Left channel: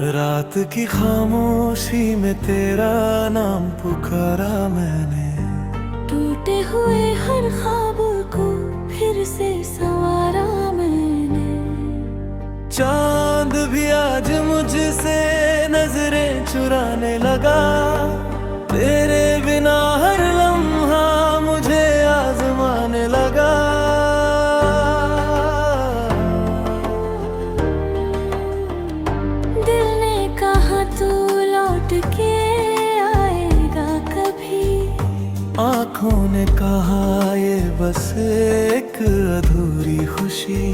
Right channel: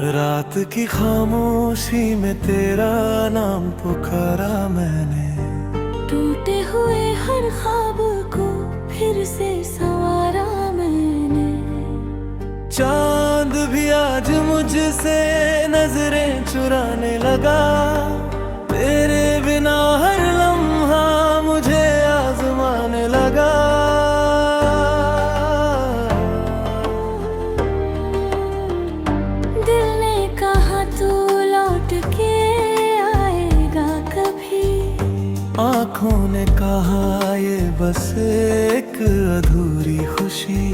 रात की खामोशी में तेरा नाम पुकारा मैंने। टूटे हुए हर ख्वाब को फिर से संवारा मैंने। चांद भी आज मुझसे नजरें चुराने लगा। तेरे बिना हर लम्हा मुझे आजमाने लगा। दिल ने कहा तू लौट के आएगा कभी। आँखों ने कहा ये बस एक अधूरी खुशी।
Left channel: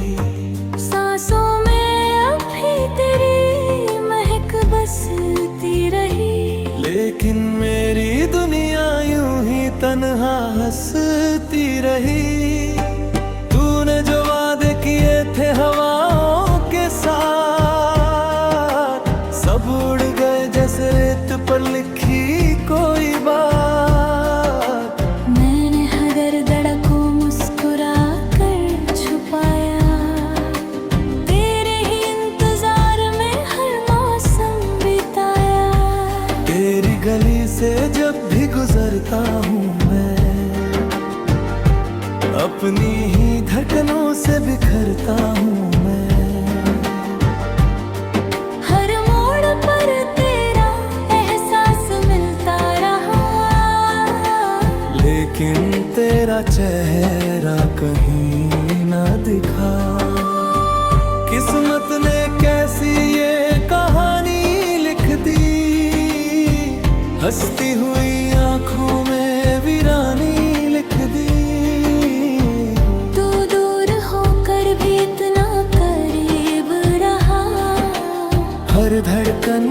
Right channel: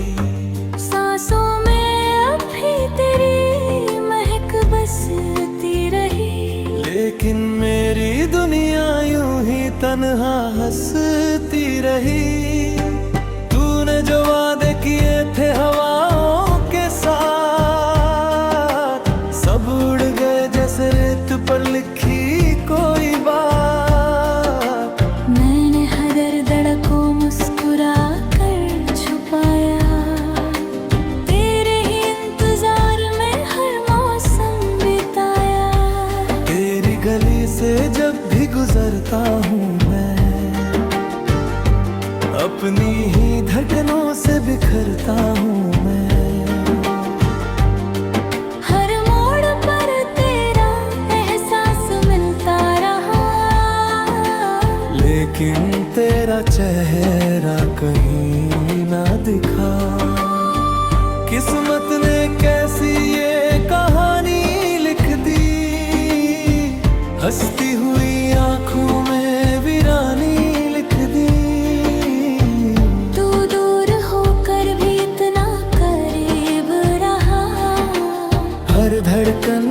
सांसों में अब भी तेरी महक बसती रही। लेकिन मेरी दुनिया यूं ही तन्हा हंसती रही। तूने जो वादे किए थे हवाओं के साथ, सब उड़ गए जैसे रेत पर लिखी कोई बात। मैंने हर दर्द को मुस्कुरा कर छुपाया। तेरे ही इंतजार में हर मौसम बिताया। तेरी गली से जब भी गुजरता हूँ मैं, अपनी ही धड़कनों से बिखरता हूँ मैं। हर मोड़ पर तेरा एहसास मिलता रहा। लेकिन तेरा चेहरा कहीं ना दिखा। किस्मत ने कैसी ये कहानी लिख दी। हंसती हुई आंखों में वीरानी लिख दी। तू दूर होकर भी इतना करीब रहा। हर धड़कन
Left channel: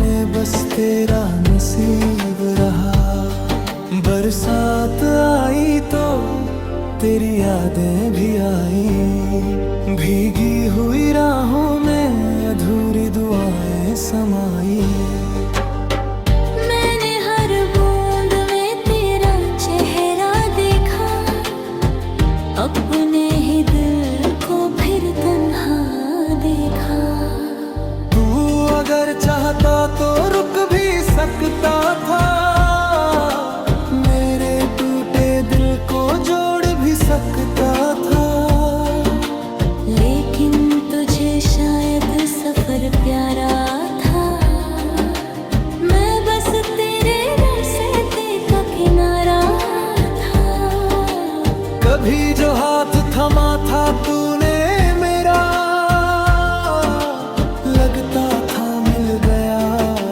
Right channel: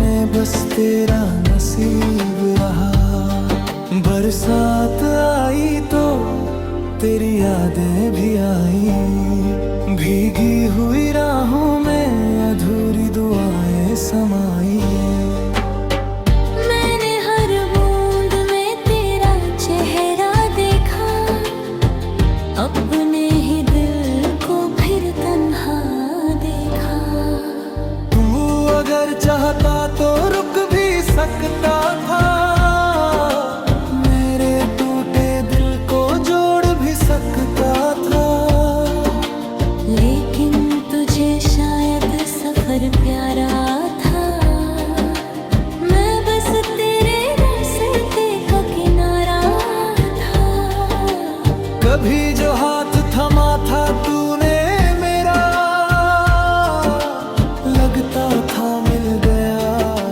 में बस तेरा नसीब रहा। बरसात आई तो तेरी यादें भी आई। भीगी हुई राहों में अधूरी दुआएं समाई। मैंने हर बूंद में तेरा चेहरा देखा। अपने ही दिल को फिर तन्हा देखा। तू अगर चाहता तो रुक भी सकता था। मेरे टूटे दिल को जोड़ भी सकता था। लेकिन तुझे शायद सफर प्यारा था। मैं बस तेरे रास्ते का किनारा था। कभी जो हाथ थमा था तूने मेरा, लगता था मिल गया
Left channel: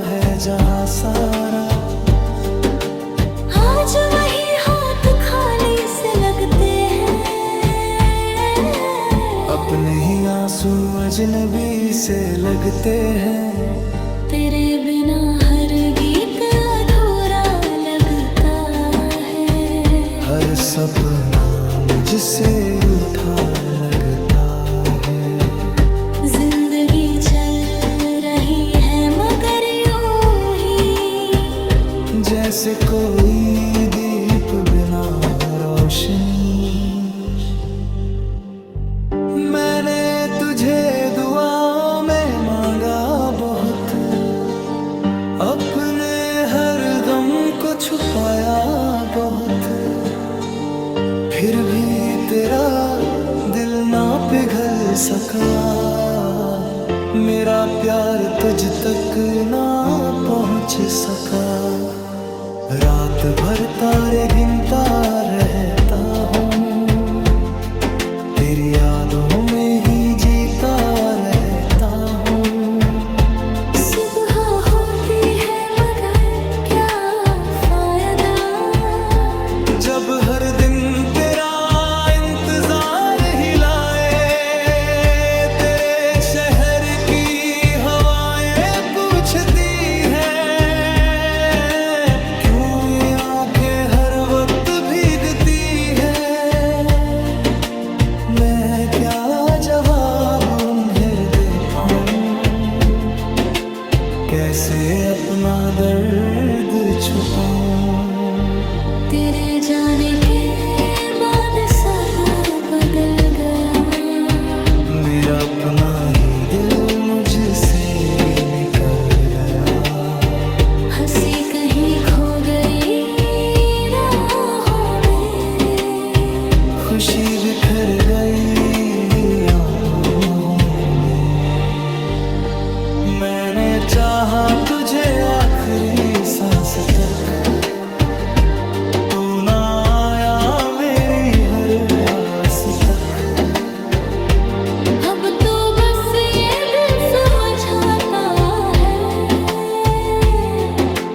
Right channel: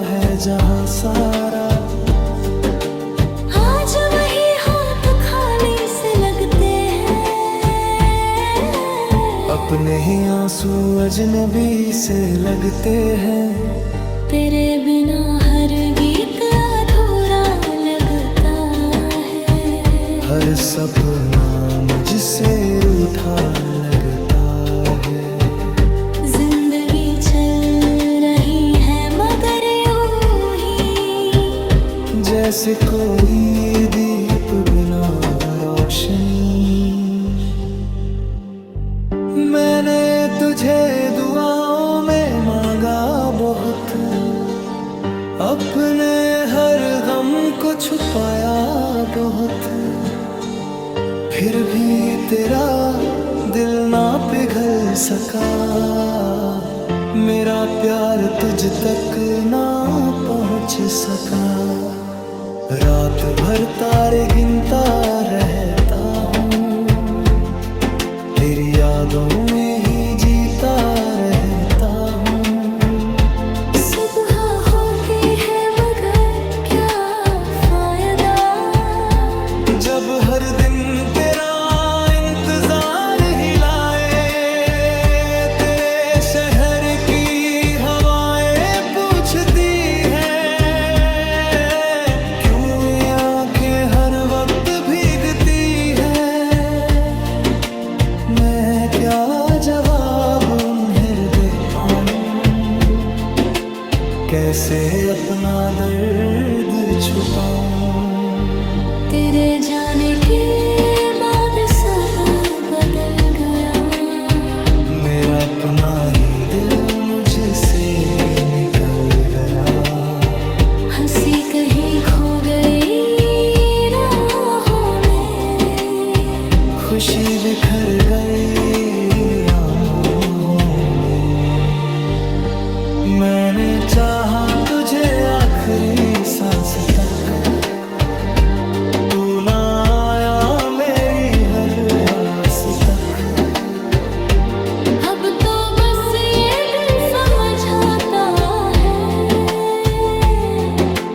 है जहां सारा। आज वही हाथ खाली से लगते हैं। अपने ही आंसू अजनबी से लगते हैं। तेरे बिना हर गीत अधूरा लगता है। हर सपना मुझसे रूठा लगता है। जिंदगी चल रही है मगर यूं ही, जैसे कोई दीप बिना रोशनी। मैंने तुझे दुआओं में मांगा बहुत। अपने हर गम को छुपाया बहुत। फिर भी तेरा दिल ना पिघल सका। मेरा प्यार तुझ तक ना पहुंच सका। रात भर तारे गिनता रहता हूँ। तेरी यादों में ही जीता रहता हूँ। सुबह होती है मगर क्या फायदा। जब हर दिन तेरा इंतजार ही लाए। तेरे शहर की हवाएं पूछती है, क्यों ये आंखें हर वक्त भीगती है। मैं क्या जवाब उन्हें दे पाऊं। कैसे अपना दर्द छुपाऊं। तेरे जाने के बाद सब बदल गया। मेरा अपना ही दिल मुझसे निकल गया। हंसी कहीं खो गई राहों में, खुशी बिखर गई आहों में। मैंने चाहा तुझे आखिरी सांस तक, तू ना आया मेरी हर आस तक। अब तो बस ये दिल समझाता है,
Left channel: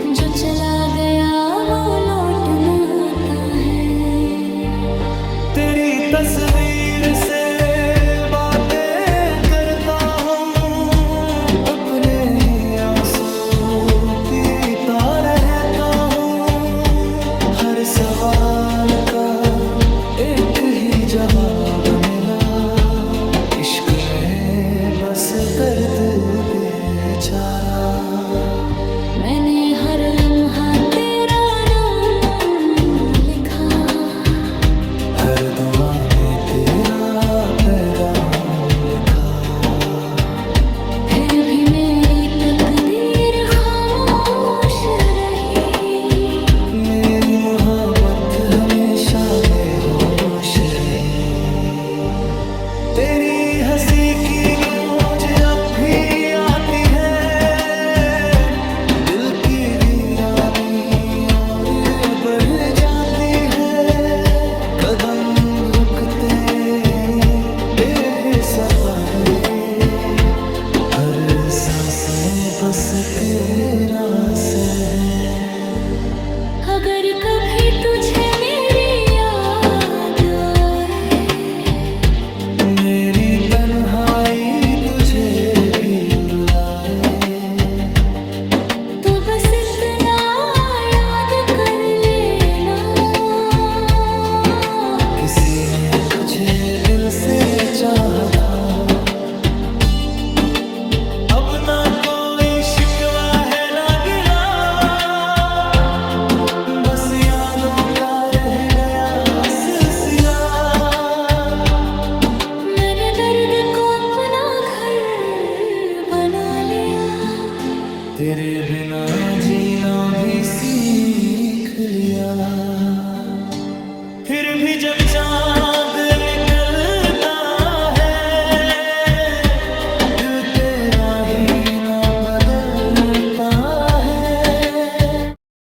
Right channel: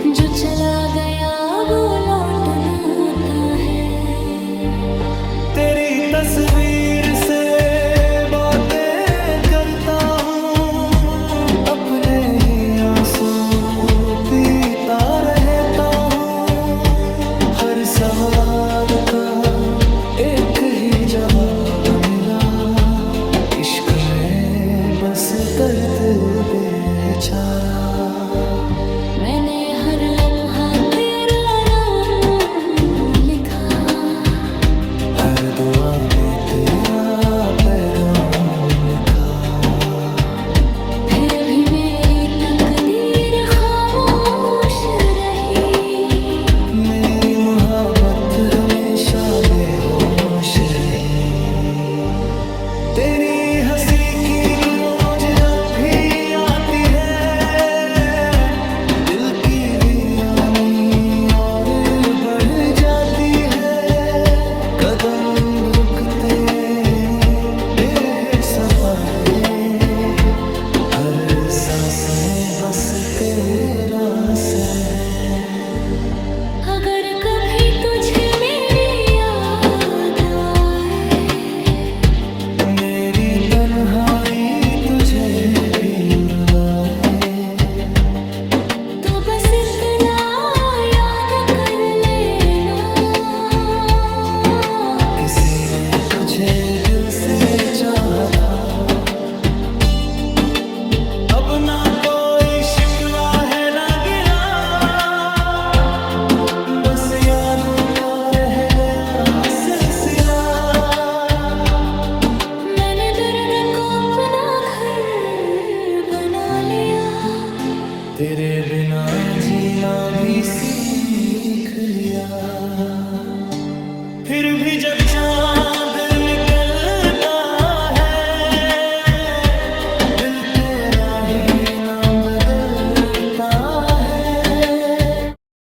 जो चला गया वो लौट ना आता है। तेरी तस्वीर से बातें करता हूँ, अपने ही आंसू पीता रहता हूँ। हर सवाल का एक ही जवाब मिला, इश्क में बस दर्द बेचारा। मैंने हर लम्हा तेरा नाम लिखा, हर दुआ में तेरा पैगाम लिखा। फिर भी मेरी तकदीर खामोश रही, मेरी मोहब्बत हमेशा बेहोश रही। तेरी हंसी की गूंज अब भी आती है, दिल की वीरानी और बढ़ जाती है। कदम रुकते सपहे, हर सांस में बस तेरा असर है। अगर कभी तुझे मेरी याद आए, मेरी तन्हाई तुझे भी रुलाए, तो बस इतना याद कर लेना, किसी ने तुझे दिल से चाहा था। अब ना कोई शिकवा है ना गिला, बस यादों का रह गया सिलसिला। मैंने दर्द को अपना घर बना लिया, तेरे बिना जीना भी सीख लिया। फिर भी जब चांद निकलता